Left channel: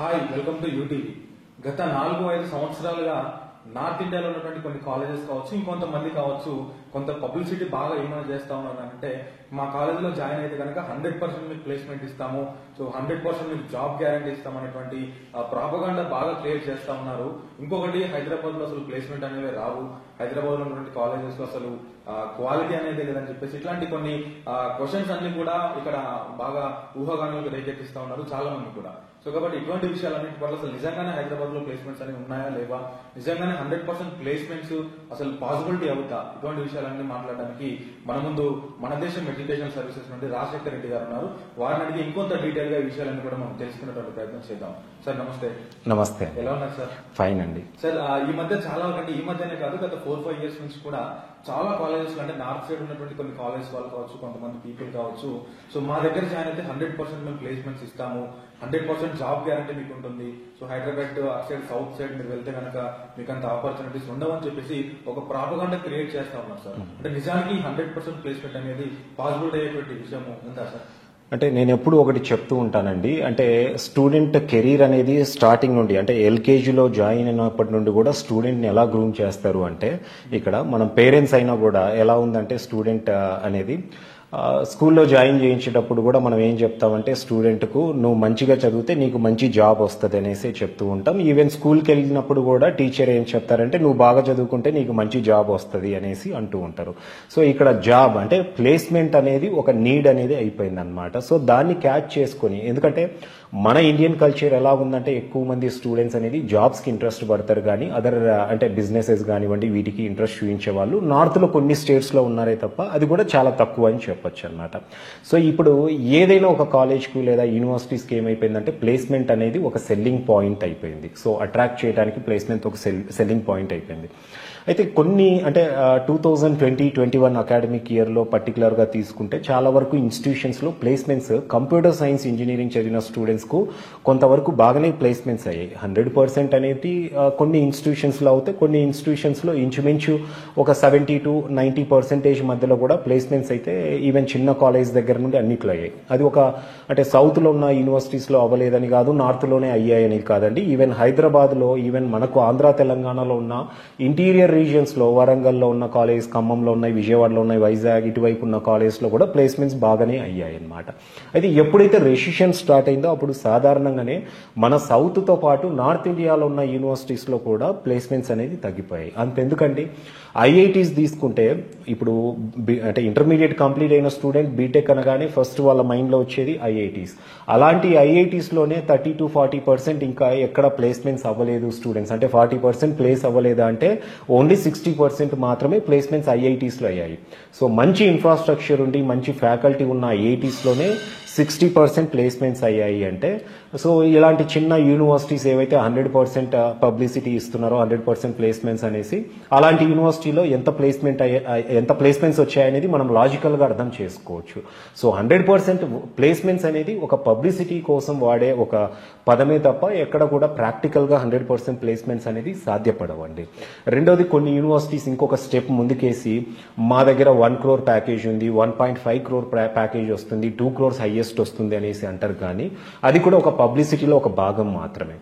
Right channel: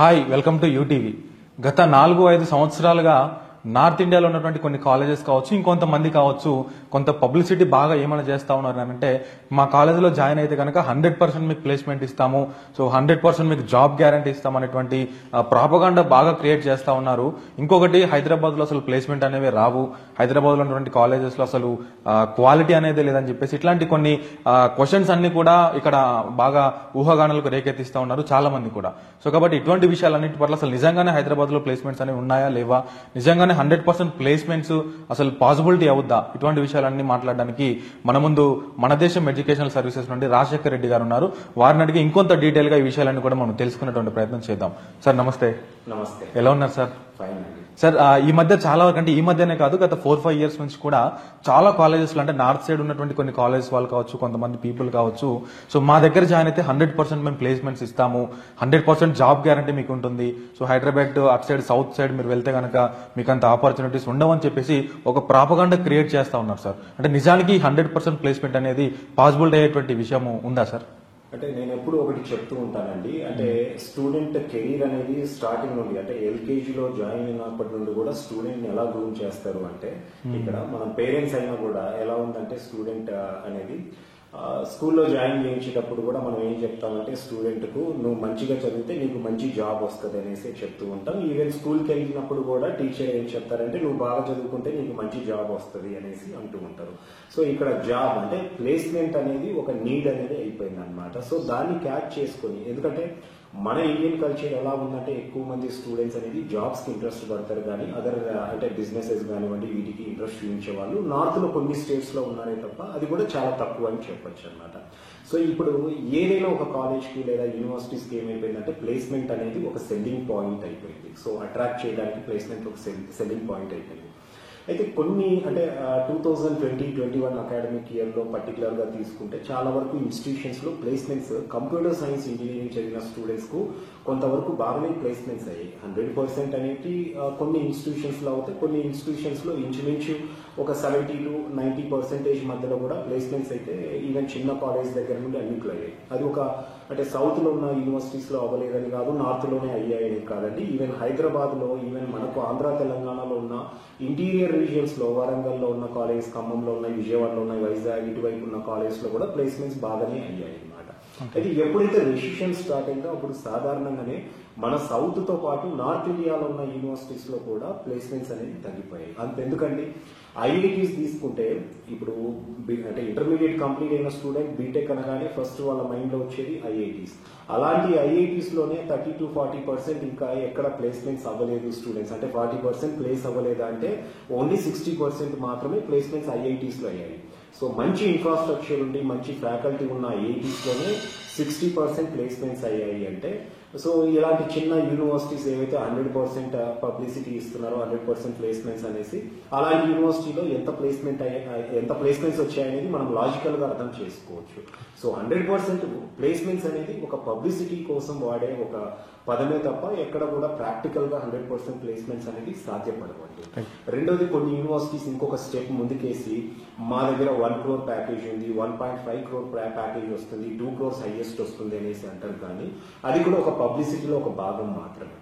Hi, welcome to UTV. గత 4-5 సంవత్సరాలుగా north ఇండియాలో ఉన్నటువంటి కొన్ని కాలేజెస్ కావచ్చు, ఇంకొంతమంది కావచ్చు, కొంత పబ్లిసిటీ బాగా ఏమైనా చేస్తా ఉన్నారు అంటే మా కాలేజీలో జాయిన్ అయితే కనుక 100% మీకు ప్లేస్మెంట్ ఇస్తాము, సో 100% మీకు జాబ్ గ్యారంటీ ఇస్తాం అనేటువంటి ప్రాపగాండా బాగా క్రియేట్ చేస్తా ఉన్నారు. ఇంకొకటి, హైదరాబాద్ లో అసలు ప్లేస్మెంట్ అనేవి రావు, హైదరాబాద్ లో ఉన్నటువంటి కాలేజెస్ లో అసలు క్వాలిటీ అనేది లేదని చెప్పేసి ఇట్లాంటి కొన్ని క్వశ్చన్స్ అన్ని కూడా ఇక్కడ బాగా ఊహాగానాలకు రేకెత్తిస్తా ఉన్నారు చాలా మంది కూడా. సో కాబట్టి ఇటువంటి విషయాలన్నిటి పట్ల అసలు నిజంగానే హైదరాబాద్ లో ప్లేస్మెంట్స్ అనేవి ఉన్నాయా లేవా, నిజంగానే 100% ప్లేస్మెంట్స్ అసలు పాసిబిలిటీ అవుద్దా, ఇటువంటి విషయాలన్నీ మాట్లాడడానికి మన ముందు మన దేశం ఎడ్యుకేషనల్ సర్వీసెస్ నుండి రాజశేఖర్ రెడ్డి గారు ఉన్నారు. వారిని అడిగి ఇంకొంత డీటెయిల్ గా ఈ విషయాలన్నీ కూడా మనం తెలుసుకునేటువంటి ప్రయత్నం చేద్దాం. సార్ నమస్తే. నమస్తే. ఎలా ఉన్నారు సార్? ఫైన్ అండి. సార్, ఈ మధ్య చాలా వరకు, అంటే ఈ మధ్యనే కాదు, గత 4-5 ఇయర్స్ నుంచి కూడా చాలా కాలేజెస్ లో, అంటే నార్త్ సైడ్ ఉన్నటువంటి కొన్ని కాలేజెస్ వాళ్ళు కావచ్చు, కొంతమంది పీపుల్ కావచ్చు, సో మా దగ్గర జాయిన్ అయితే 100% మేము ప్లేస్మెంట్స్ ఇస్తాము, 100% జాబ్ గ్యారంటీ మీకు ఉంటుంది, సో హైదరాబాద్ అటు సైడ్ సౌత్ సైడ్ మీరు వెళ్తే కనుక మీకు అంత ఆపర్చునిటీస్ ఉండవని చెప్పేసి ఒక ప్రాపగాండా క్రియేట్ చేస్తా ఉన్నారు సార్. అంటే నిజానికి 100% ప్లేస్మెంట్ అనేది పాసిబిలిటీ అయ్యేటువంటి విషయం ఉందా సార్? అంటే నేను ఎప్పుడు ఒకటి చెప్తూ ఉంటానండి, అంటే స్టూడెంట్ కెరీర్ అనేది స్టార్టింగ్ నుండి, అంటే ఎల్కేజీలో జాయిన్ అయినప్పటి నుండి కూడా స్టూడెంట్ని ఎలా గ్రూమ్ చేస్తారు అంటే, ఇక్కడ మనం పేరెంట్స్ అయినా కూడా ఎలా ఉందంటే స్టూడెంట్ అనేది స్కూల్లో జాయిన్ చేయించేటప్పుడు కూడా మనం ఏం చెప్తామంటే స్టూడెంట్కు నువ్వు మంచిగా చదివితే నీకు మంచి జాబ్ వస్తుంది అనేసి చెప్తూ ఉంటాం. ఈవెన్ స్కూల్కి వెళ్ళినప్పుడు కూడా టీచర్ ఏం చెప్తారంటే నువ్వు బాగా చదువుకుంటే నీకు మంచి జాబ్ వస్తుంది అనేసి అంటూ ఉంటారు. సో ఇక్కడ జాబ్ అంటే ప్లేస్మెంట్ అనేది ఒక నీడ్ అనేది అయిపోయింది అనమాట. సో దాన్ని క్యాచ్ చేసుకొని, ఎందుకంటే మన ఇండియన్ కల్చర్ ఎలా ఉందంటే ఎక్కువ మంది స్టూడెంట్స్ అనేది జాబ్స్కి ఇంట్రెస్ట్ పడతారు, కానీ అదర్ అంటే బిజినెసెస్ కానివ్వండి వీటికి ఇంట్రెస్ట్ చూపించే వాళ్ళు నార్త్లో కొన్ని స్టేట్స్లో ఉన్నారే తప్ప అది కూడా చాలా తక్కువ అని చెప్పొచ్చు అనమాట. సో ఇప్పుడు ఏదైనా ఒక కాలేజ్కు లేదా యూనివర్సిటీస్కి ఏమైపోయిందంటే ప్లేస్మెంట్ అనేది ఒక సెల్లింగ్ పాయింట్ అయిపోయింది. సో అట్రాక్ట్ చేయడానికి ప్లేస్మెంట్ ఒక సెల్లింగ్ పాయింట్ అయిపోయింది. అయితే కొన్ని అంటే 2020-21 అకాడమిక్ ఇయర్లో పర్టికులర్గా తీసుకుంటే చాలా వరకు ఇన్స్టిట్యూషన్స్లో ప్లేస్మెంట్స్ కంప్యూటర్ సైన్స్ ఇంజనీరింగ్ చదివిన స్టూడెంట్స్కు కొంతవరకు బాగానే ప్లేస్మెంట్స్ అయ్యాయి. 100% అనేది కొన్ని ఇన్స్టిట్యూషన్స్లో అవుతే, కొన్ని ఇన్స్టిట్యూషన్స్లో ఇంచుమించు ఒక 70-90% మధ్యలో కూడా ప్లేస్మెంట్స్ అయితే ఈవెన్ చిన్న కాలేజ్ దగ్గర నుండి అన్నిట్లో అయ్యాయి. అది ఒక అంటే సౌత్లో ఉన్న యూనివర్సిటీస్లో అవ్వలేదని కాదు, నార్త్లోనే అయ్యాయని కాదండి. ఈవెన్ హైదరాబాద్లో, ఈవెన్ మనకు ఆంధ్ర తెలంగాణలో ఉన్న ఇంటీరియర్ రీజియన్స్లో, వరంగల్లో ఉన్న కాలేజ్, ఖమ్మంలో ఉన్నాయి, విజయవాడలో ఉన్నాయి, వైజాగ్ ఇటువైపు ఉన్న కాలేజ్లో కూడా ప్లేస్మెంట్స్ బాగానే అయ్యాయి అనమాట. అయితే ఎప్పుడైతే రెసిషన్ స్టార్ట్ అయిందో అప్పుడు సాధారణంగానే మన సౌత్తో పాటు నార్త్ ఇండియాలో ఉన్న యూనివర్సిటీస్లో కూడా ప్లేస్మెంట్స్ అనేది తగ్గిపోయాయి. అంతెందుకండి, ఐఐటీస్ తీసుకుంటే ఇప్పుడు అంటే ఇంటర్మీడియట్ కంప్లీట్ అయిన స్టూడెంట్ బీటెక్ అనగానే ఫస్ట్ వాళ్ళ మైండ్లో వచ్చేది ఐఐటీస్. అలాంటి ఐఐటీస్లోనే 30-40% ఇంకా ఎక్కడ ప్లేస్మెంట్స్ అవ్వలేదు స్టూడెంట్స్, అంటే 40% ప్లేస్ అవ్వలేదా అంటే ఓన్లీ 60% మాత్రమే ప్లేస్మెంట్స్ ఐఐటీస్లో అయ్యాయి. సో మంచి ఇన్ఫ్రాస్ట్రక్చర్ ఉండి మంచి ఫ్యాకల్టీ ఉన్న ఐఐటీస్లోనే 60% ప్లేస్మెంట్స్ అయ్యాయి అంటే, సో ఇలాంటి చిన్న యూనివర్సిటీస్ ఏవైతే 100% పబ్లిసిటీ ఇస్తున్నారో 100% ప్లేస్మెంట్స్ అనేసి, అలాంటి యూనివర్సిటీలో ఎంత ప్లేస్మెంట్స్ వచ్చాయనేది మనం లాజికల్గా అర్థం చేసుకోవచ్చు. సో 100% ప్లేస్మెంట్స్ అనేది ఒక పబ్లిసిటీ కోసం వాడే ఒక పదమే తప్ప ఎక్కడ కూడా ప్రాక్టికల్గా 100% ప్లేస్మెంట్స్ అనేది సాధ్యపడవండి. రెండోది, కొన్ని యూనివర్సిటీస్ ఇంకొక స్టెప్ ముందుకేసి మా దగ్గర 1 crore ప్యాకేజ్ ఉంది, 1.5 crore ప్యాకేజ్ వస్తుంది, 2 crores హైయెస్ట్ వస్తుంది అనేసి అంటారు, కానీ అది కూడా ఒక పబ్లిసిటీలో ఒక భాగం మాత్రమే.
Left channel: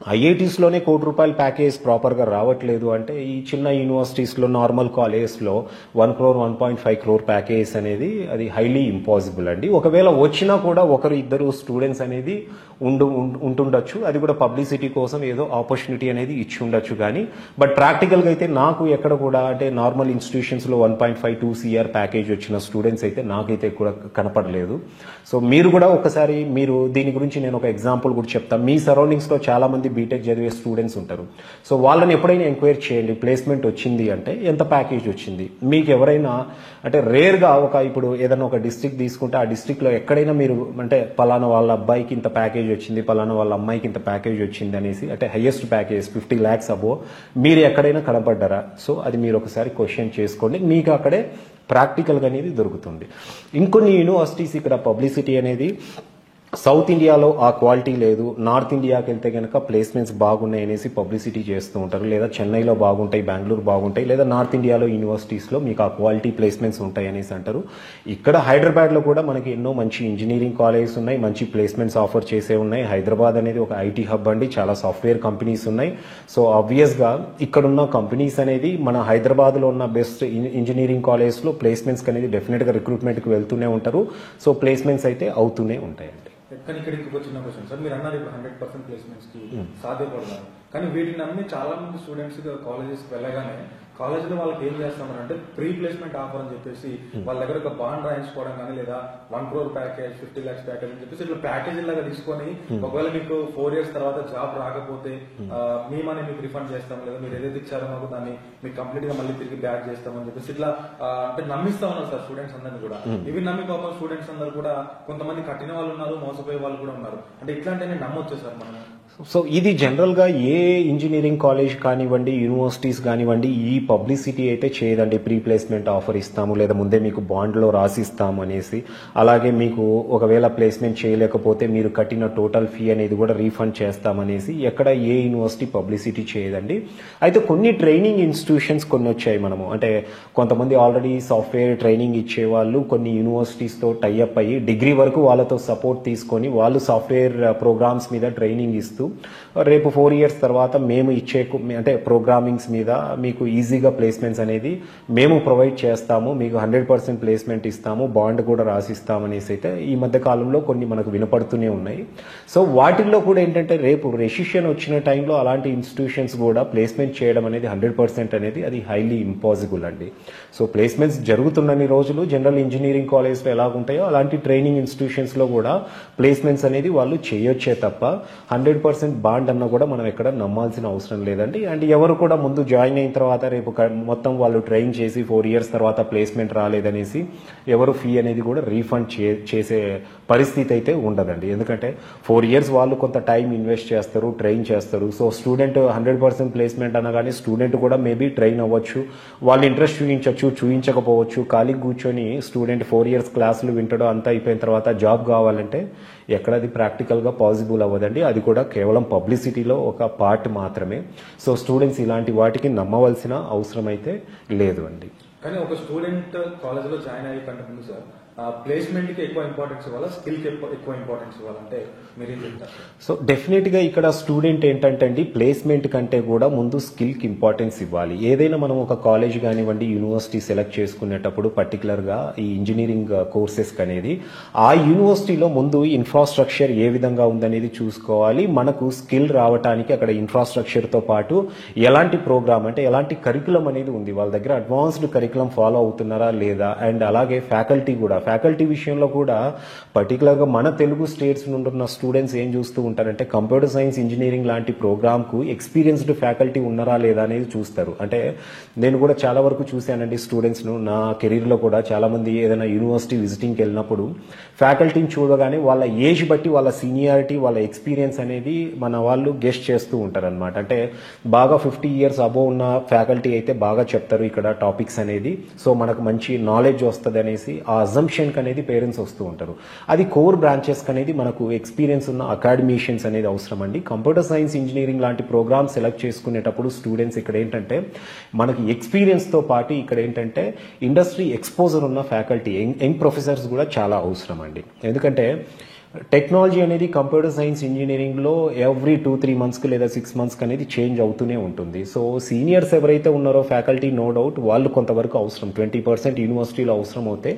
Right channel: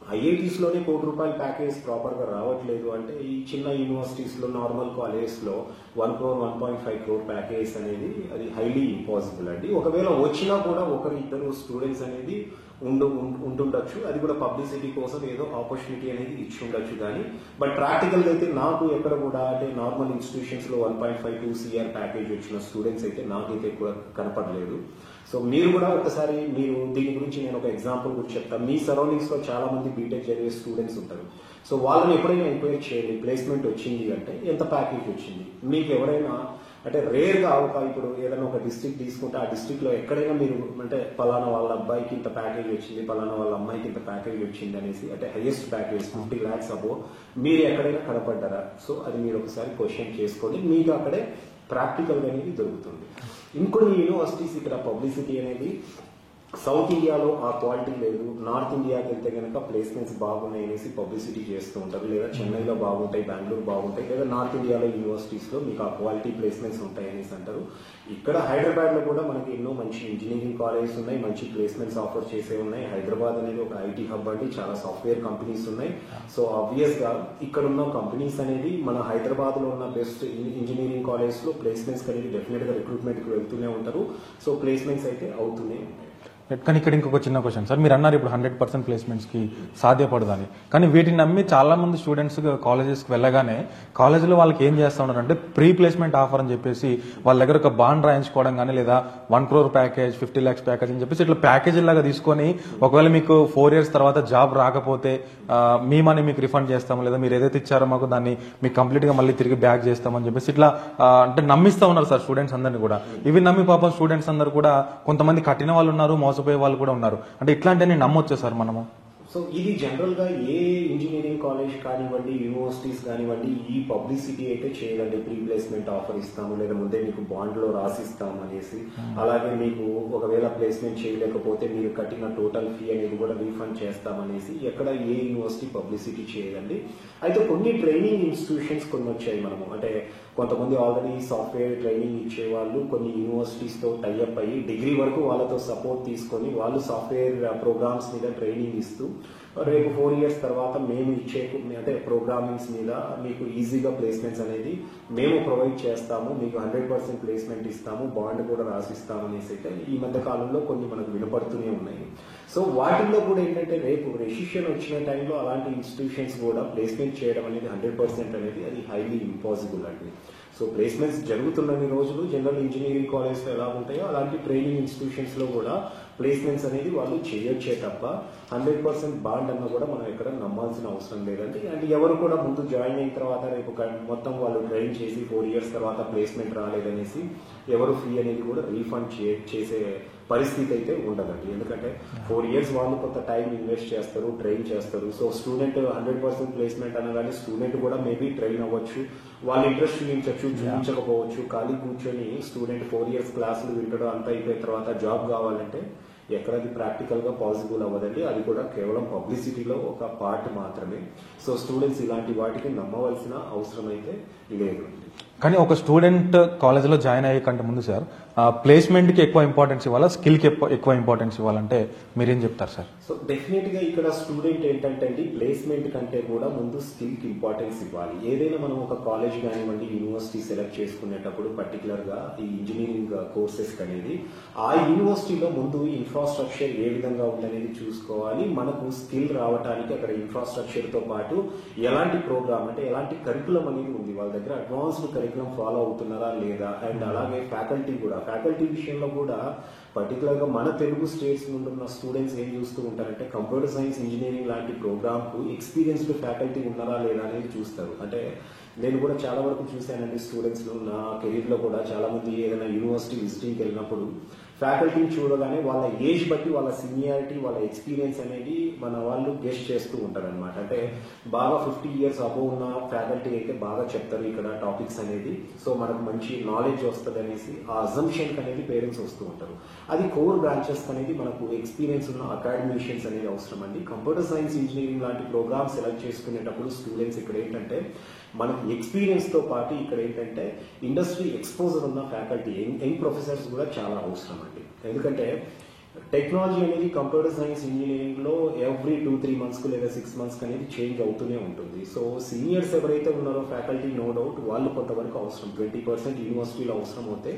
ఐఐటీస్లోనే ₹1 crore ప్యాకేజ్ ప్రాపర్గా రావట్లేదు అంటే ఈ చిన్న యూనివర్సిటీస్లో, నార్మల్ కాలేజెస్లో 1 crore 1.5 crore ప్యాకేజ్ అనేది అది హైలీ ఇంపాసిబుల్ అండి. ఒకవేళ వచ్చినా కూడా 1-2 స్టూడెంట్స్ అనేది ఉంటుండొచ్చు, అది కూడా పబ్లిసిటీ కోసం ఏదో ఆపర్చునిటీ అనేది ఇచ్చి ఉండొచ్చు, కానీ బట్ ప్రాక్టికల్గా అయితే నాకు ఎక్కడ కూడా అంటే నార్మల్ ఇన్స్టిట్యూషన్స్లో 1.52 CR ప్యాకేజ్ వచ్చిన స్టూడెంట్స్ అయితే నాకైతే కూడా కనపడలేదు. సో మీరు కూడా ఒకసారి మీరు దీని గురించి నేను ఒక ఎగ్జాంపుల్ కూడా చెప్తాను. మీ సరౌండింగ్స్లో చాలా మంది బీటెక్ చదివే స్టూడెంట్స్ ఉంటారు. సో వాళ్ళని ఎప్పుడైనా ఎంక్వైరీ చేయండి, ప్లేస్మెంట్ వచ్చింది అంటే ఎంత ప్యాకేజ్ వచ్చింది. మీకు ఎవరైనా అంటే రేర్గా ఇప్పుడు ఏదైనా ఒక డిస్ట్రిక్ట్ తీసుకుంటే ఆ డిస్ట్రిక్ట్లో ఎక్కడైనా మీరు అంటే పలానా వాళ్ళ అబ్బాయికి ఇంత ప్యాకేజ్ వచ్చింది, పలానా వాళ్ళ అమ్మాయికి ఇంత ప్యాకేజ్ వచ్చింది అనేసి, అంటే హైయెస్ట్ ప్యాకేజ్ 50 lakhs అబో మీరు ఎక్కడైనా కనపడ్డారా? సో అది మీరు ఒకసారి క్వశ్చన్ చేసుకోండి, మీకు అక్కడే ప్రాక్టికల్గా అనేది దొరుకుతుంది. ఇంకొన్ని యూనివర్సిటీస్ ఇక్కడ పబ్లిసిటీ అనేది సౌత్ ఇండియాలో ఆ క్వాలిటీ లేదు, నార్త్ ఇండియాకి వెళ్తే కనుక ప్లేస్మెంట్స్ బాగున్నాయి అనేసి పబ్లిసిటీ చేస్తూ ఉంటారు, లేదా చెన్నైలో బాగుంటాయి, బెంగళూరు బాగుంటాయి, లేదా నార్త్ ఇండియాలో యూనివర్సిటీస్లో మీకు ఆ క్వాలిటీ ప్లేస్మెంట్స్ ఉంటాయి అనేసి అంటారు. ఇక్కడ హైదరాబాద్లో కూడా మనకి ఎన్నో మంచి ఇంజనీరింగ్ కాలేజెస్ ఉన్నాయి, మంచి ప్లేస్మెంట్స్ ఆఫర్ చేసే ఉన్నాయి. హైదరాబాద్ అనేది ఒక ఐటీ హబ్ అండి, చాలా సాఫ్ట్వేర్ కంపెనీస్ ఉన్నాయి. సో ఆబ్వియస్గా ఇక్కడున్న కంపెనీస్ అనేది మన హైదరాబాద్లో ఉన్న బెస్ట్ ఇంజనీరింగ్ కాలేజెస్లో ప్లేస్మెంట్స్ అనేది డెఫినెట్గా రిక్రూట్మెంట్కి వెళ్తూనే ఉంటారు. సో ప్లేస్మెంట్స్ అయితే అవుతూనే ఉంటాయి. కానీ ఇక్కడ ఇంకొక చిన్న క్వశ్చన్ సార్, మీరు అన్నారు ఇప్పుడు 100% ప్లేస్మెంట్స్ కి సాధ్యపడదని, కానీ వీటిని నమ్మి చాలా మంది స్టూడెంట్స్ కాలేజెస్ కి వెళ్ళగానే కాలేజీలో వాళ్ళకి ఏం చేస్తా ఉన్నారు అంటే ప్రీ ప్లేస్మెంట్ ఆఫర్ అని చెప్పేసి వాళ్ళ దగ్గర ఒక బాండ్ రాయించుకోవడం కానీ, లేదా 1 crore ప్యాకేజ్, 50 lakhs ప్యాకేజ్ అని చెప్పేసి ఇట్లా ప్యాకేజ్ లాగా తీసుకొని ఒకవేళ మీకు 4 years తర్వాత జాబ్ రాకపోతే మీ మనీ మీకు రిఫండ్ చేస్తాము, లేదా మీరు ఏదైతే ఇచ్చారో మాకు దాన్ని మీకు కంప్లీట్ గా మళ్ళీ తిరిగి బ్యాక్ చేస్తామని చెప్పేసి ఇట్లా అంటే నమ్మిస్తా ఉన్నారు సార్ స్టూడెంట్స్ అందరినీ కూడా. ఇవి నమ్మి పాపం స్టూడెంట్స్ అందరూ కూడా కొంతమంది కట్టిన వాళ్ళు ఉన్నారు, మోసపోయే వాళ్ళు కూడా ఉన్నారు. అంటే ఇట్లాంటివన్నీ నమ్మొచ్చా సార్ మనము? సో ఇది జనరల్గా ఏ ఇంజనీరింగ్ కాలేజ్ కానివ్వండి, యూనివర్సిటీస్ కానివ్వండి, ఈ పబ్లిసిటీ అయితే చేయదండి. ప్రీ ప్లేస్మెంట్ ఆఫర్ ఇస్తాము, లేదా ముందే మీకు బాండ్లో రాసిస్తాము అనేసి. అలాగే మీకు ఒకవేళ ప్లేస్మెంట్ చేయలేకపోతే మీరు కట్టిన టోటల్ ఫీ అనేది కూడా రీఫండ్ చేస్తామనేసి ఎక్కడ ఏ యూనివర్సిటీ పబ్లిసిటీ చేయదండి. అయితే కొన్ని ట్రైనింగ్ ఇన్స్టిట్యూషన్స్ కొన్ని వచ్చాయి. మనము అంటే కొంతమంది ఆల్రెడీ సాఫ్ట్వేర్ ట్రైనింగ్ ఇచ్చేవాళ్ళు కొన్ని యూనివర్సిటీస్తో టైఅప్ అయ్యి డిగ్రీ వరకు వాళ్ళతో సపోర్ట్ తీసుకొని వాళ్ళు సాఫ్ట్వేర్ ప్రోగ్రామ్స్ మీద ట్రైనింగ్ ఇస్తూ రేపు 4 years తర్వాత మేము ఇచ్చే అంటే ప్రోగ్రామింగ్స్ మీద మీకు ఈజీగా ప్లేస్మెంట్స్ అనేది మేము ప్రొవైడ్ చేస్తాము, మీకు 100% ప్లేస్మెంట్ ఇస్తాము, బాండ్ కూడా రాసిస్తాము అనేసి అయితే ఈ మధ్య కాలంలో కొన్ని మనకు వినపడుతూనే ఉన్నాయి. సో వాటిల్లో కూడా ఏంటంటే రేపు రెసిషన్ వచ్చిన టైంలో అలాంటి ఇన్స్టిట్యూషన్స్ కూడా ప్లేస్మెంట్ చేయడం అనేది 100% అనేది అది హైలీ ఇంపాసిబుల్ అండి. సో ప్లేస్మెంట్స్ జరుగుతున్నన్ని రోజులు జనరల్ ఇంజనీరింగ్ కాలేజ్లో ఎలా ఉంటాయో అలాంటి ట్రైనింగ్ ఇన్స్టిట్యూషన్స్లో కూడా ప్లేస్మెంట్స్ అనేది వాళ్ళు చేయొచ్చే తప్ప 100% బాండ్ అన్న కూడా మనం ఎక్కడ నమ్మాల్సిన అవసరం లేదండి. అండ్ ఎవరు కూడా ముందు జాయిన్ అయిన తర్వాత రేపు మొత్తం వాళ్ళు ట్రైన్ చేసి 4 years తర్వాత ప్లేస్మెంట్ రాలేదనేసి ఎవరు ఫీ అనేది కూడా రీఫండ్ చేసే పరిస్థితి అయితే ఉండదండి. ఎందుకంటే 4 years వాళ్ళు కొంత టైం ఇన్వెస్ట్ చేస్తారు, ట్రైన్ చేస్తారు. సో స్టూడెంట్ 100% ప్లేస్మెంట్ అనగానే స్టూడెంట్ కూడా మేబీ ట్రైన్ అవ్వచ్చు, వాళ్ళు ఇంట్రెస్ట్ చూపించకపోవచ్చు. ఖాళీ కూర్చొని స్టూడెంట్ 4 years క్లాసులు వింటడో అంతా అయిపోయిన తర్వాత జాబ్ కావాలంటే ఎక్కడ అది ప్రాక్టికల్గా పాసిబుల్ అవ్వదండి. అది కూడా కేవలం పబ్లిసిటీలో ఒక పార్ట్ మాత్రమే. సో స్టూడెంట్స్ ఇలాంటి వాటికి నమ్మవలసిన అవసరం అయితే లేదు అండి. కానీ ఒక స్టూడెంట్ కాలేజ్లో జాయిన్ అయ్యే కంటే ముందు సార్ ప్లేస్మెంట్కి ఎక్కువ ఇంపార్టెన్స్ ఇవ్వాలా, స్కిల్కి ఎక్కువ ఇంపార్టెన్స్ ఇవ్వాలంటే మీరేం చెప్తారు సార్? సో డెఫినెట్గా ఇక్కడ స్టూడెంట్ ఏంటంటే అండి ప్లేస్మెంట్ కంటే కూడా ముందు స్కిల్కి ఇంపార్టెన్స్ ఇవ్వాలి. ఏదైనా మనం ఒక కాలేజ్ కానివ్వండి, యూనివర్సిటీ సెలెక్ట్ చేసుకునేటప్పుడు పర్టికులర్గా ఈ ఇంజనీరింగ్ కోర్సెస్ అనేది ఆ యూనివర్సిటీలో ముందు ఇన్ఫ్రాస్ట్రక్చర్ ఏ విధంగా ఉందనేది చూసుకోవాలి. మనకు స్కిల్ రావడానికి అక్కడ ఇన్ఫ్రాస్ట్రక్చర్తో పాటు ఎలాంటి ప్రోగ్రామ్ అంటే ఎలాంటి కరికులం అనేది ఉంది, వాళ్ళ దగ్గర అడ్వాన్స్డ్ కరికులం ఫాలో అవుతున్నారా లేదా. అండ్ అలాగే ఫ్యాకల్టీ విషయంలో కూడా పర్టికులర్గా మన తెలుగు స్టేట్స్ నుండి ఉన్న స్టూడెంట్స్ ఏం చూస్తూ ఉంటారంటే కంప్యూటర్ సైన్స్ ఇంజనీరింగ్ లాంటి ప్రోగ్రామ్కు ఎక్స్పీరియన్స్డ్ ఫ్యాకల్టీ ఉన్నారా లేదా అనేది చూస్తారు. అంటే నేను కూడా చాలా వరకు చూశానండి స్టూడెంట్స్ను నా కెరీర్లో కూడా చాలామంది ఏదైనా యూనివర్సిటీ విజిటింగ్కి వెళ్ళినప్పుడు ఫ్యాకల్టీని చూడగానే వాళ్ళ ఏజ్ బట్టి వాళ్ళ సీనియారిటీ, వాళ్ళ ఎక్స్పీరియన్స్ అనేది మన వాళ్ళు గెస్ట్ చేస్తూ ఉంటారనమాట. అంటే బాగా 50 years అబోవ్ ఉన్న ఫ్యాకల్టీ అయితే బాగా చెప్తారు ఇక్కడ టాపిక్స్ అనేది, సో మనకు మంచి నాలెడ్జ్ వస్తుంది అనేసి ఆ అజంప్షన్కి అనేది పేరెంట్స్ వస్తూ ఉంటారు. అది కోర్ బ్రాంచెస్కి అనేది మనకు ఎక్స్పీరియన్స్ ఉన్న అకాడమీషియన్స్ అనేది అవసరం అండి. కంప్యూటర్ సైన్స్ ఇంజనీరింగ్ లాంటి ప్రోగ్రామ్ సెలెక్ట్ చేసుకునేటప్పుడు స్టూడెంట్స్ ఇక్కడ ఏంటంటే మనకి ఎక్స్పీరియన్స్తో పాటు ఇక్కడ ఏంటంటే ఇండస్ట్రీ ఎక్స్పోజర్ ఉన్న ఫ్యాకల్టీ, యంగ్ ప్రొఫెసర్స్ కూడా చాలా అవసరం అండి. ఎందుకంటే టెక్నాలజీ అనేది కంప్యూటర్ సైన్స్ ఇంజనీరింగ్లో ఎవ్రీ 2-3 monthsకి లేదా 6 monthsకి అనేది చేంజ్ అవుతూనే ఉంటుంది. సో సీనియర్స్ ఎవరైతే ఉన్నారో ఫ్యాకల్టీ నో డౌట్ వాళ్ళు కొంతవరకు అవసరం, 20% యూనివర్సిటీలో అవసరం అవుతే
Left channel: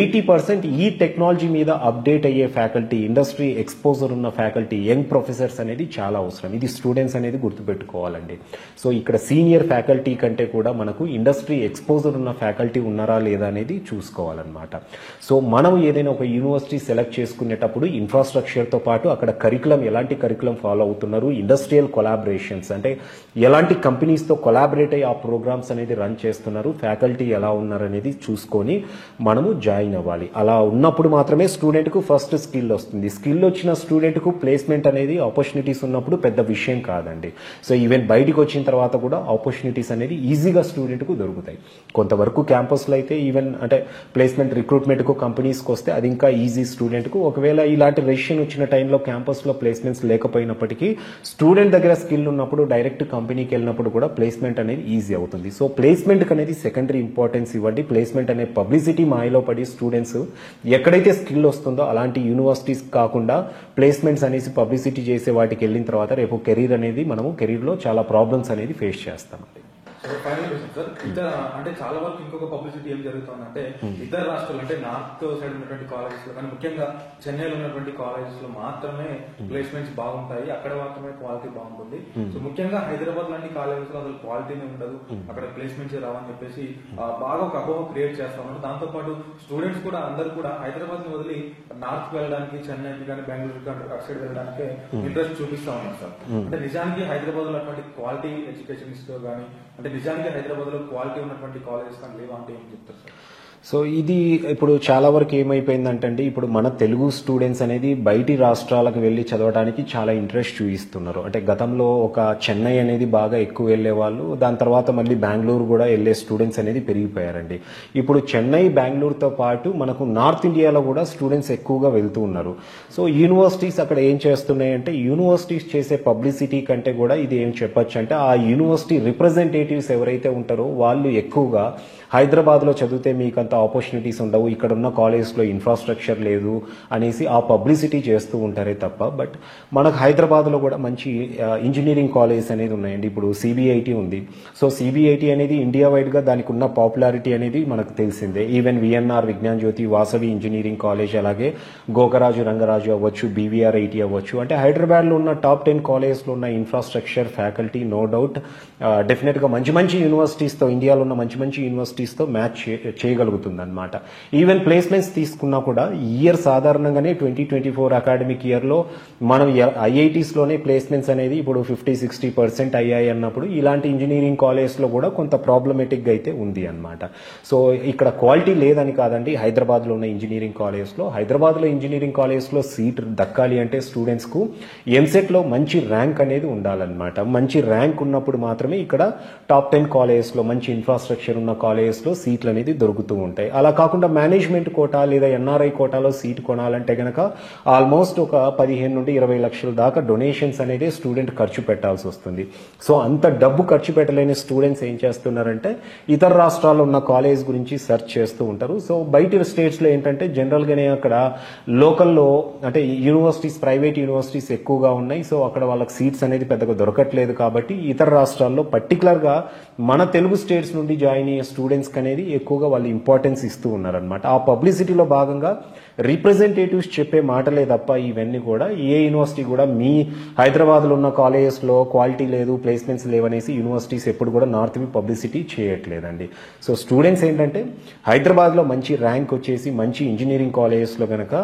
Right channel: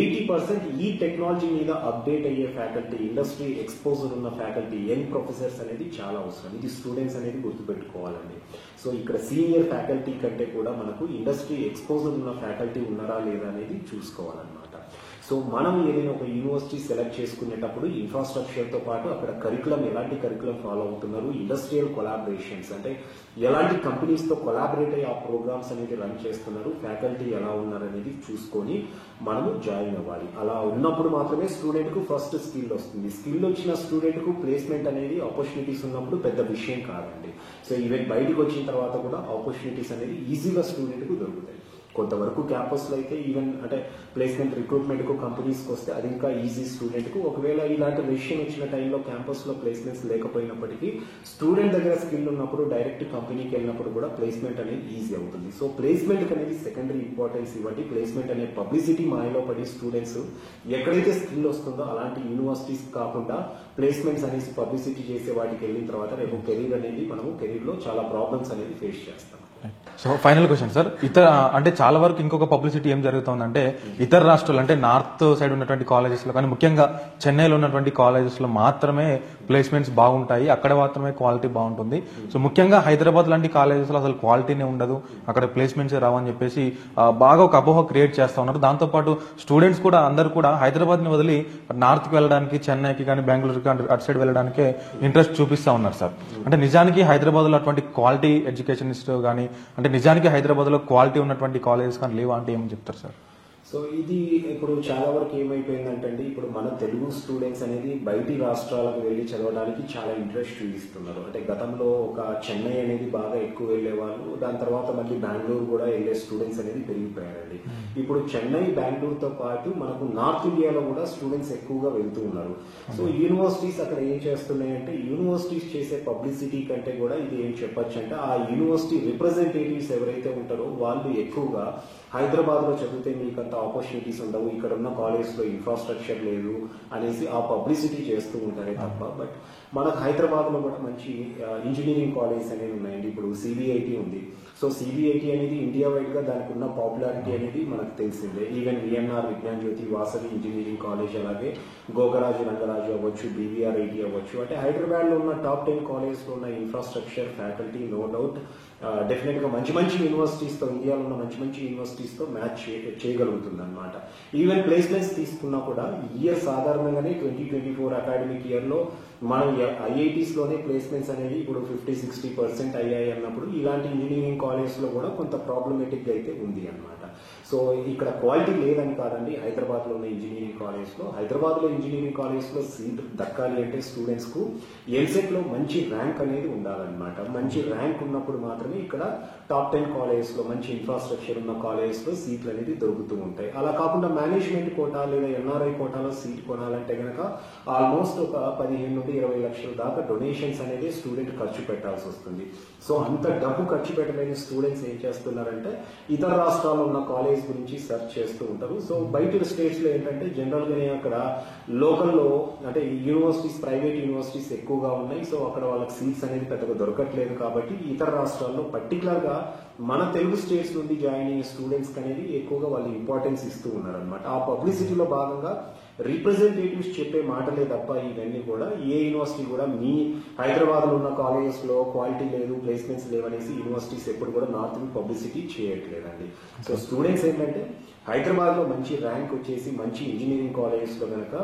80% ఈ టెక్నాలజీ మీద అప్డేట్ అయ్యే ఫ్యాకల్టీ, ఇండస్ట్రీ ఎక్స్పోజర్ ఉన్న ఫ్యాకల్టీ, యంగ్ ప్రొఫెసర్స్ అనేది చాలా అవసరం. ఇది స్టూడెంట్స్ అనేది గుర్తుపెట్టుకోవాలండి. సో ఇక్కడ సీనియర్ ఫ్యాకల్టీ కంటే కూడా మనకు ఇండస్ట్రీ ఎక్స్పోజర్ ఉన్న ఫ్యాకల్టీ ఉన్నారా లేదా అనేది చూసుకోవాలన్నమాట. సో మనం ఏదైనా ఒక యూనివర్సిటీ సెలెక్ట్ చేసుకునేటప్పుడు ఇన్ఫ్రాస్ట్రక్చర్తో పాటు అక్కడ కరికులం, ఎలాంటి కరికులం ఫాలో అవుతున్నారు, ఇండస్ట్రియల్ కొలాబరేషన్స్ అంటే ఎలాంటి కంపెనీస్తో కొలాబరేట్ అయ్యి ఆ ప్రోగ్రామ్స్ అనేది రన్ చేస్తున్నారు, ఫ్యాకల్టీ ఎలా ఉన్నారు అనేది చూసుకొని మనము జాయిన్ అవ్వాలి. అలా ఉన్నప్పుడు మాత్రమే స్టూడెంట్కు ఫస్ట్ స్కిల్ వస్తుంది. స్కిల్ వచ్చిన స్టూడెంట్కు ప్లేస్మెంట్ అనేది ఆపర్చునిటీస్ ఉన్నప్పుడు పెద్ద విషయం కాదండి. సో ఈవెన్ బయటికి వచ్చిన తర్వాత కూడా ఆపర్చునిటీస్ అనేది ఈజీగా స్టూడెంట్కు దొరుకుతాయి. కొంతవరకు క్యాంపస్లో అయితే ఈవెన్ అంటే ప్లేస్మెంట్ రిక్రూట్మెంట్కు కంపెనీస్కి వస్తే అది ఇంకా ఈజీ స్టూడెంట్కు. ఒకవేళ ఇలాంటి రెసిషన్ వచ్చిన టైంలో క్యాంపస్లో ప్లేస్మెంట్స్ లేకపోయినప్పటికీ స్టూడెంట్ దగ్గర స్కిల్ ఉన్నప్పుడు డైరెక్ట్ కంపెనీకి వెళ్ళినప్పుడు కూడా ప్లేస్మెంట్ అనేది ఈజీ అవుతుంది. సో ప్లేస్మెంట్కి అనేది సెకండరీ ఇంపార్టెన్స్ ఇవ్వండి. ప్లేస్మెంట్ అనే పబ్లిసిటీ మాయలో పడి స్టూడెంట్స్ ఎక్కడైతే స్కిల్ వస్తుందో అలాంటి యూనివర్సిటీస్ కాకుండా ప్లేస్మెంట్స్ అనేసి పబ్లిసిటీ చేసే వాటికి వెళ్ళిన తర్వాత రేపు కెరీర్ అనేది మనము కెరీర్లో చాలా ప్రాబ్లమ్స్ అనేది ఫేస్ చేస్తాం. సో ఫైనల్ క్వశ్చన్ సార్, ఇతర అంటే చాలా వరకు ఇంకొక పబ్లిసిటీ ఏం జరుగుతుందంటే ఇతర రాష్ట్రాలు అంటే నార్త్ సైడ్ ఉన్నటువంటి కాలేజెస్ లో కానీ ముఖ్యంగా చెన్నైలో ఉన్నటువంటి కాలేజెస్ లో మాత్రమే ప్లేస్మెంట్స్ బాగుంటాయి, అక్కడ మాత్రమే క్వాలిటీ బాగుంటుంది. సో ముఖ్యంగా హైదరాబాద్ లాంటి కాలేజెస్ లో అసలు క్వాలిటీనే ఉండదు, అక్కడ ప్లేస్మెంట్స్ రావని చెప్పేసి బాగా ఒక అపోహ క్రియేట్ చేస్తా ఉన్నారు. దాంతో పాటు స్టూడెంట్స్ కూడా అందరూ కూడా హైదరాబాద్ ని వదిలి నార్త్ కి వెళ్ళడానికి, చెన్నైకి కానీ బెంగళూరుకి కానీ అటు సైడ్ వెళ్ళడానికే ఇంట్రెస్ట్ చూపిస్తా ఉన్నారు సార్. అంటే నిజానికి హైదరాబాద్ లో అటువంటి క్వాలిటీ ఎడ్యుకేషనిస్ట్ కానీ అంటే నిజానికి హైదరాబాద్ లో క్వాలిటీ ఉన్నటువంటి కాలేజెస్ కానీ లేవా అంటే ఏమని చెప్తారు సార్? సో ఇది ఇప్పుడు చాలా వరకు ఏమైపోయిందంటే ఇప్పుడు మన తెలుగు స్టూడెంట్స్ అనేది బయటి రాష్ట్రాలకు వెళ్ళి చదవడానికి చాలా ఇంట్రెస్ట్ చూపిస్తున్నారు. అంటే గతంలో ఒక చెన్నై అనేది బాగా ఎక్కువ వెళ్ళే వాళ్ళు, దాని తర్వాత మళ్ళీ బెంగళూరు కూడా వెళ్ళే స్టూడెంట్స్ అనేది పెరిగిపోయారండి. ఇప్పుడు చెన్నై బెంగళూరుతో పాటు మనకు నార్త్ ఇండియాలో కూడా స్టూడెంట్స్ ఎక్కువగా వెళ్తూ ఉన్నారు. సో యూనివర్సిటీస్ అక్కడ ఏం చేస్తున్నాయంటే యూనివర్సిటీస్ చేసే పబ్లిసిటీ కంటే కూడా ఇది ఏం చెప్పొచ్చు అంటే ఆ యూనివర్సిటీ రిప్రజెంటేటివ్స్ ఎవరైతే ఉంటారో వాళ్ళు ఎక్కువగా హైదరాబాద్లో చదివితే మీకు అంత ఆపర్చునిటీస్ ఉండవు, ఇక్కడ ఉన్న కాలేజ్లో ఇన్ఫ్రాస్ట్రక్చర్ లేదు అనేసి ఆ పబ్లిసిటీ చేస్తూ ఉంటారే తప్ప బట్ మనకు హైదరాబాద్లో కూడా మంచి ఇంజనీరింగ్ కాలేజెస్ అనేది ఉన్నాయండి. ఇప్పుడు సిబిఐటి ఉంది. సో సిబిఐటి అనేది ఇండియా వైడ్గా దానికి ఉన్న పాపులారిటీ అనేది మనకు తెలిసిందే. ఈవెన్ విఎన్ఆర్ విజ్ఞాన్ జ్యోతి, వాసవి ఇంజనీరింగ్ కాలేజ్, అలాగే గోకరాజు రంగరాజు అవ్వచ్చు, బీవీఆర్ ఐటీ అవ్వచ్చు. అంటే హైదరాబాద్లో ఉన్న టాప్ 10 కాలేజ్లో ఉన్న ఇన్ఫ్రాస్ట్రక్చర్, ఫ్యాకల్టీ నో డౌట్ డెఫినెట్గా మంచి మంచి యూనివర్సిటీస్తో, ఇండియాలో ఉన్న మంచి మంచి యూనివర్సిటీస్తో మ్యాచ్ చేయగలుగుతుంది అనమాట. ఈవెన్ ప్లేస్మెంట్స్ తీసుకున్నా కూడా ఇయర్ సాధారణంగానే 2024 అకాడమిక్ ఇయర్లో మనం ఐఐటీస్లోనే ప్లేస్మెంట్స్ అనేది ఇప్పుడు 50-60% అయ్యాయి అన్నప్పుడు ఇలాంటి ఇంజనీరింగ్ కాలేజ్లో కూడా కొంత ప్రాబ్లమేటిక్గా అయితే ఉంది అనమాట. సో ఇక్కడ క్వాలిటీ లేదని కాదండి. హైదరాబాద్లో ఉన్న ఇంజనీరింగ్ కాలేజ్లో, హైదరాబాద్లో ఇంజనీరింగ్ కాలేజ్లో సీట్ దక్కాలి అంటే స్టూడెంట్స్కు ఎంసెట్లో మంచి ర్యాంక్ అనేది ఉండాలన్నమాట. మంచి ర్యాంక్ ఉన్నప్పుడు మాత్రమే ఇక్కడ టాప్ 10 కాలేజెస్లో మంచి ఇన్ఫ్రాస్ట్రక్చర్ ఉన్న కాలేజెస్లో సీట్లు అనేది దొరుకుతూ ఉంటాయి. అలా కాకుండా మేనేజ్మెంట్ కోటా లేదా ఎన్ఆర్ఐ కోటాలో సీట్ కొనాలంటే కనుక ఆల్మోస్ట్ ఒక 15 నుండి 20 లక్షల దాకా డొనేషన్స్ అనేది స్టూడెంట్ ఖర్చు పెట్టాల్సి వస్తుంది. సో అంత డబ్బు ఖర్చు పెట్టలేని స్టూడెంట్స్ ఏం చేస్తున్నారంటే ఇతర రాష్ట్రాల్లో ఉన్న కాలేజ్ గురించి సెర్చ్ చేస్తూ ఉంటారు. సో బయట స్టేట్స్లో ఏంటంటే జనరల్గానే అక్కడ లోకల్లో అంటే యూనివర్సిటీస్, ప్రైవేట్ యూనివర్సిటీస్ ఎక్కువగా ఉన్నాయి. సో అక్కడ వాళ్ళకి సీట్స్ అనేది పెద్దగా దొరకట్లేదు కాబట్టి ఇతర రాష్ట్రాల్లో పర్టికులర్గా మన తెలుగు స్టేట్స్ నుండి జాయిన్ అయ్యే స్టూడెంట్స్కి అనేది ఎక్కువగా వాళ్ళు ఇంపార్టెన్స్ ఇస్తూ ఉన్నారనమాట. ఆ పబ్లిసిటీలో భాగంగా రిప్రజెంటేటివ్స్ చెప్పే మాటలే తప్ప ఇవన్నీ కూడా ఏ యూనివర్సిటీ కూడా మీ హైదరాబాద్లో ఉన్న కాలేజెస్లో క్వాలిటీ లేదు, ప్లేస్మెంట్స్ లేవనేసి యూనివర్సిటీస్ ఎప్పుడు కూడా నార్త్ పబ్లిసిటీ చేయట్లేదండి. సో స్టూడెంట్స్ ఏంటంటే హైదరాబాద్లో మంచి ర్యాంక్ వచ్చేసి మంచి ఇంజనీరింగ్ కాలేజెస్లో కనుక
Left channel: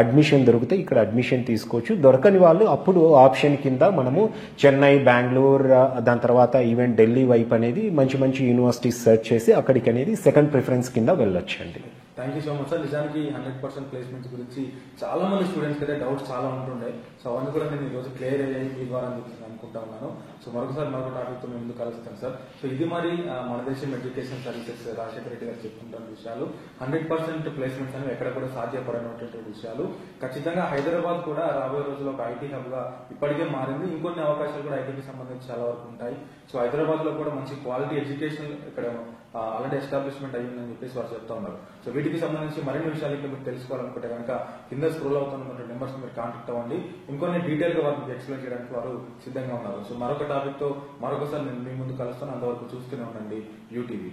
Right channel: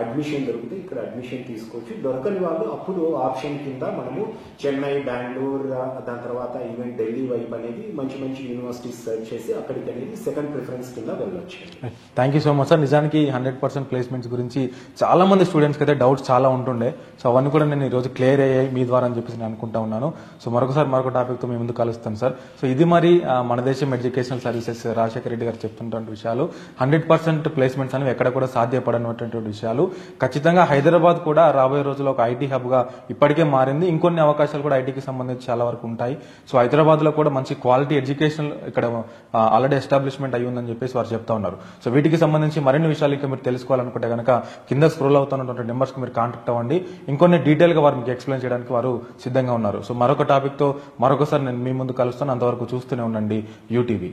అడ్మిషన్ దొరికితే ఇక్కడ అడ్మిషన్ తీసుకోవచ్చు. దొరకని వాళ్ళు అప్పుడు ఆప్షన్ కింద మనము చెన్నై, బెంగళూరు, దాని తర్వాత ఈవెన్ ఢిల్లీ వైపు అనేది మంచి మంచి యూనివర్సిటీస్ సెర్చ్ చేసి అక్కడికి అనేది సెకండ్ ప్రిఫరెన్స్ కింద వెళ్ళొచ్చు అండి. Thank you so much sir. నిజానికి 100% ప్లేస్మెంట్స్ గురించి చాలా మంది స్టూడెంట్స్కి అయితే డౌట్స్ చాలా ఉంటుండే. సో అవన్నీ కూడా నేను ఈరోజు క్లియర్ అయ్యాయి మీ ద్వారా అని చెప్పేసి నేను అనుకుంటా ఉన్నాను. సో మరొకసారి మరొక టాపిక్తో మీ ముందు కలుస్తాను సార్. సో ఇది మరి మన దేశం ఎడ్యుకేషనల్ సర్వీసెస్ రాజశేఖర రెడ్డి గారు చెప్తున్నటువంటి విషయాలు. 100% ప్లేస్మెంట్స్ అనేవి ఎక్కడ కూడా సాధ్యపడనటువంటి విషయాలు. ఖచ్చితంగా హైదరాబాద్ కూడా రాబోయే రోజుల్లో ఒక ఐటీ హబ్గా ఇప్పటికే మారింది. ఇంకొన్ని అవకాశాలు కూడా ఐటీకి సంబంధించి చాలా వరకు ఉంటాయి. సో హైదరాబాద్ లో కూడా మంచి క్వాలిటీ ఎడ్యుకేషన్ ఇక్కడ ఆల్రెడీ ఎస్టాబ్లిష్మెంట్ అయ్యి ఉందని చెప్పేసి వారు చెప్తా ఉన్నారు. సో వీటికి సంబంధించి మరిన్ని విషయాలు ఇంకా మీరు తెలుసుకోవాలనుకుంటే కనుక కింద స్క్రోల్ అవుతున్నటువంటి నెంబర్స్ కి మీరు కాంటాక్ట్ అవ్వండి. ఇంకొన్ని డీటెయిల్ గా వారు మీకు ఎక్స్ప్లెయిన్ చేయడానికి వారు సిద్ధంగా ఉన్నారు. సో మరొక టాపిక్ తో మరొకసారి నేను మీ ముందు కలుస్తాను. అంతవరకు చూస్తూనే ఉండండి యూటీవీ.